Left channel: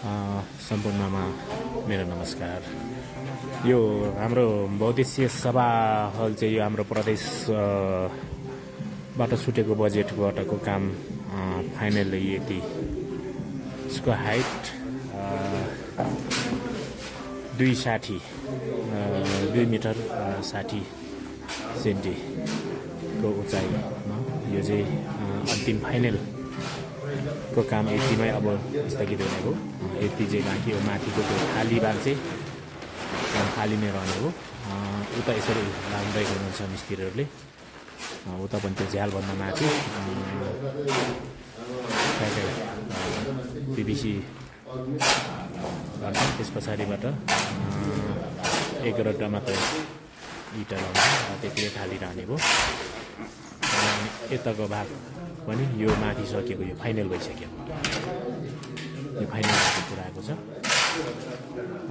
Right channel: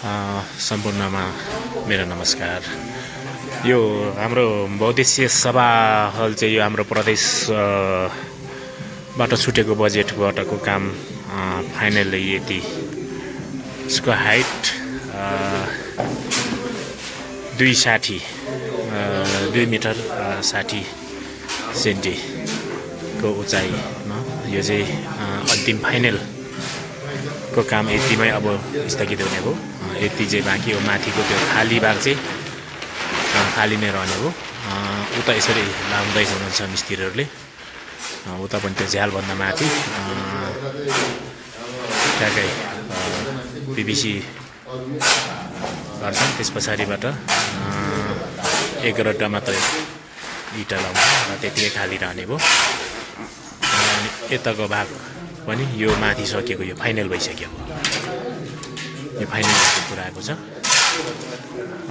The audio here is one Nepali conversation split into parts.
सम्पूर्णमा मेरो नमस्कार। यो हाम्रो बहुद्देश्यीय सभा हल चाहिँ यो हाम्रो प्रदेश बाट छुटेको बजेटबाटको काम फाइनली यति। यसको हाइट 2 मिटर 60 सेन्टिको उचाइमा यो चाहिँ अन्तिम फाइनल को काम यतिमै अब स्थगित हुने हो। यति चाहिँ बाँकी हो। माथिको त्यो खाली भाग चाहिँ खाली नै रहने हो। उता यसरी लाउँदै हुनुहुन्छ मिस्त्रीहरूले। उता पनि त्यो झ्यालभन्दा माथि ट्याक्कै पिभिसी गर्छ। त्यस पछाडिबाट 1 रड्डा मात्रै इँटा लाउँछ र त्यतिकै खाली रहने भयो। अनि यताको भाग पनि यो माथि सकेको, यो फाइनल भइसक्यो। यो फाइनल कुरा आएको छ।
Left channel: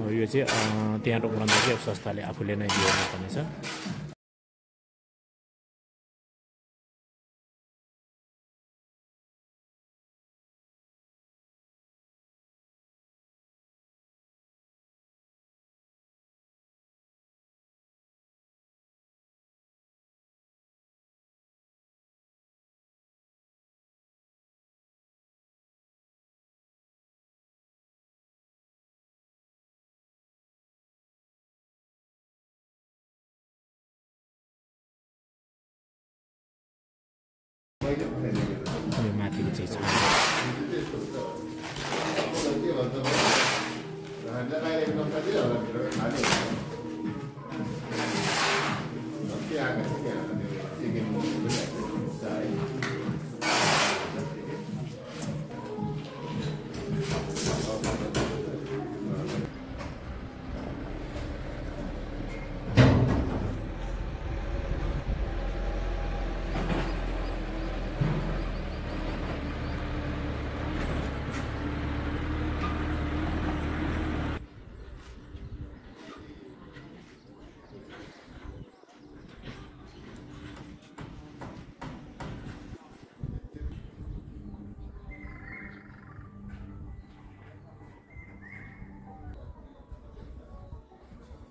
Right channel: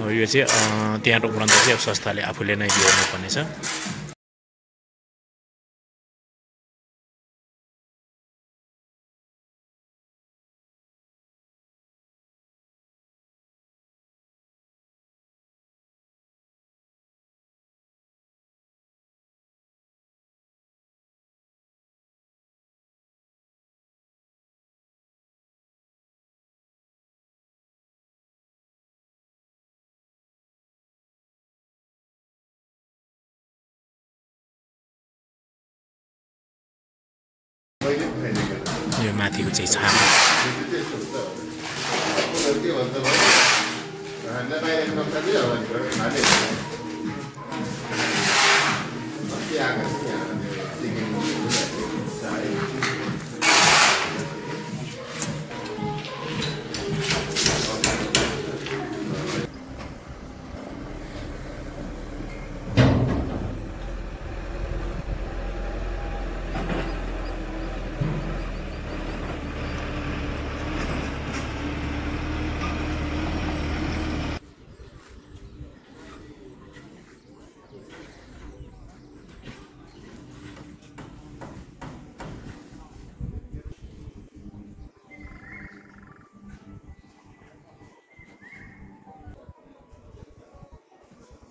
यो चाहिँ त्यहाँ उब्रन्दा चाहिँ अब संस्थाले आफूले नै बिहोर्नु पर्नेछ। यो माथिको चाहिँ छाप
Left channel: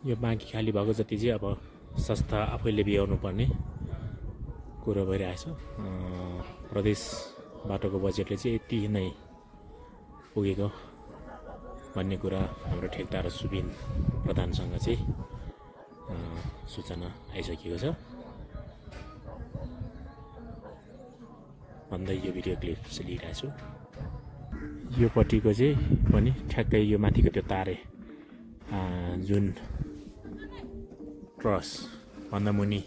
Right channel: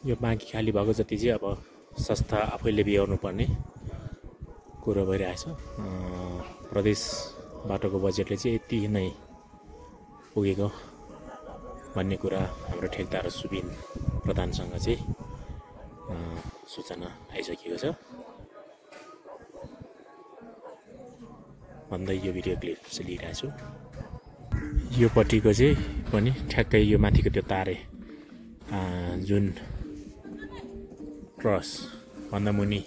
यो बाँकी खाली भएको जति चाहिँ अब संस्था आफैले बिहोर्नु पर्ने कुरो भइरहेछ। प्रदेश बाटोको बजेटले चाहिँ यति नै पुगेको भन्ने कुरा हाम्रो ठेकदार सुबिन प्रधानसँग चाहिँ सूचना आइसकेको छ भन्दै यो भिडियो क्लिप चाहिँ लिइरहेको छु। यो पट्टिको चाहिँ पनि ठ्याक्कै यो माथिको त्यो तारे जुन क्रस भन्दा मुनि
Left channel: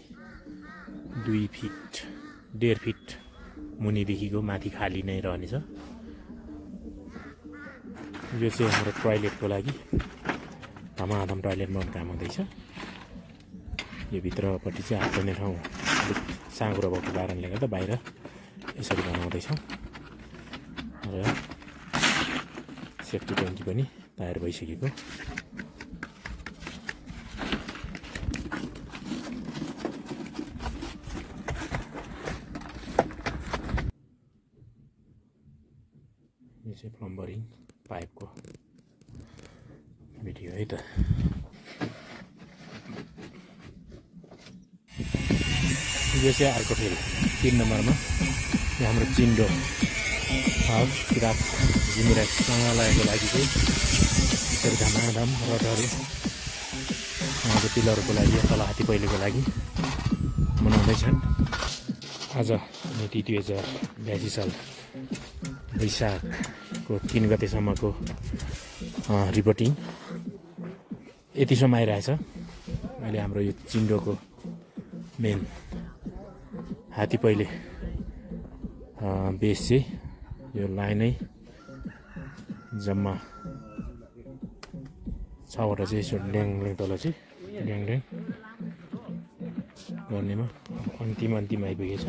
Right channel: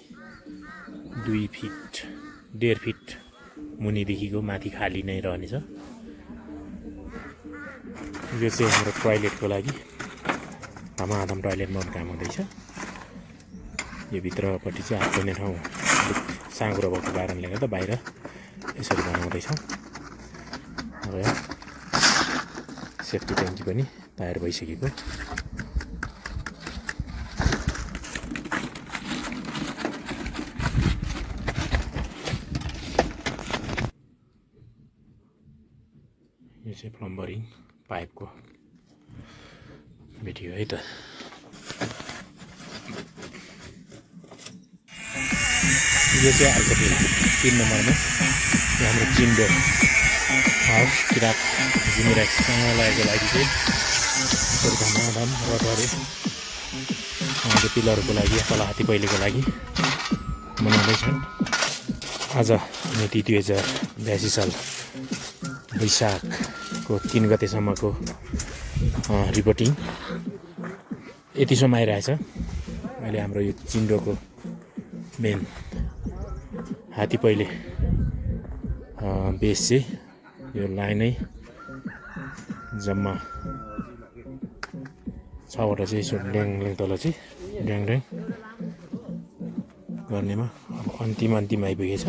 2 फिट 1.5 फिट मुनिदेखिको माथि खाली नै रहनेछ। यो चाहिँ हाम्रो टोयलेटको लागि धमाधम टोयलेटमा काम हुँदैछ। यो भित्रपट्टि चाहिँ हात धुने ठाउँ अलिक साँघुरो भएको कारणले गर्दा बाहिर यसरी बनाउँदैछौँ र सेफ्टी ट्याङ्की पनि तयार भइसकेको। यो चाहिँ प्लम्बरिङ पाइपको भिडियो है त। यो चाहिँ अर्को फेरि 3 नम्बरमा यो हाम्रो चिन्डो हाउस किरात जिमिरासँग लागेको लागि चाहिँ थोरै धमाधम रडहरू त्यो पिलरको लागि तल हात्ती पहिलेको लागि बनाउँदैछन्। आज मिति 2082 साल वैशाखको 3 गतेसम्मको रिपोर्टिङ यतिसम्म आइरहेछ। अहिले हाम्रो यो चिन्डोको मेन हात्ती पहिले बेस चाहिँ यो लाइनै जम्मा 6वटा चाहिँ यसो ड्याङ तल चाहिँ ड्याङ गर्नेमा अब अन्तिम आइपुगेछ।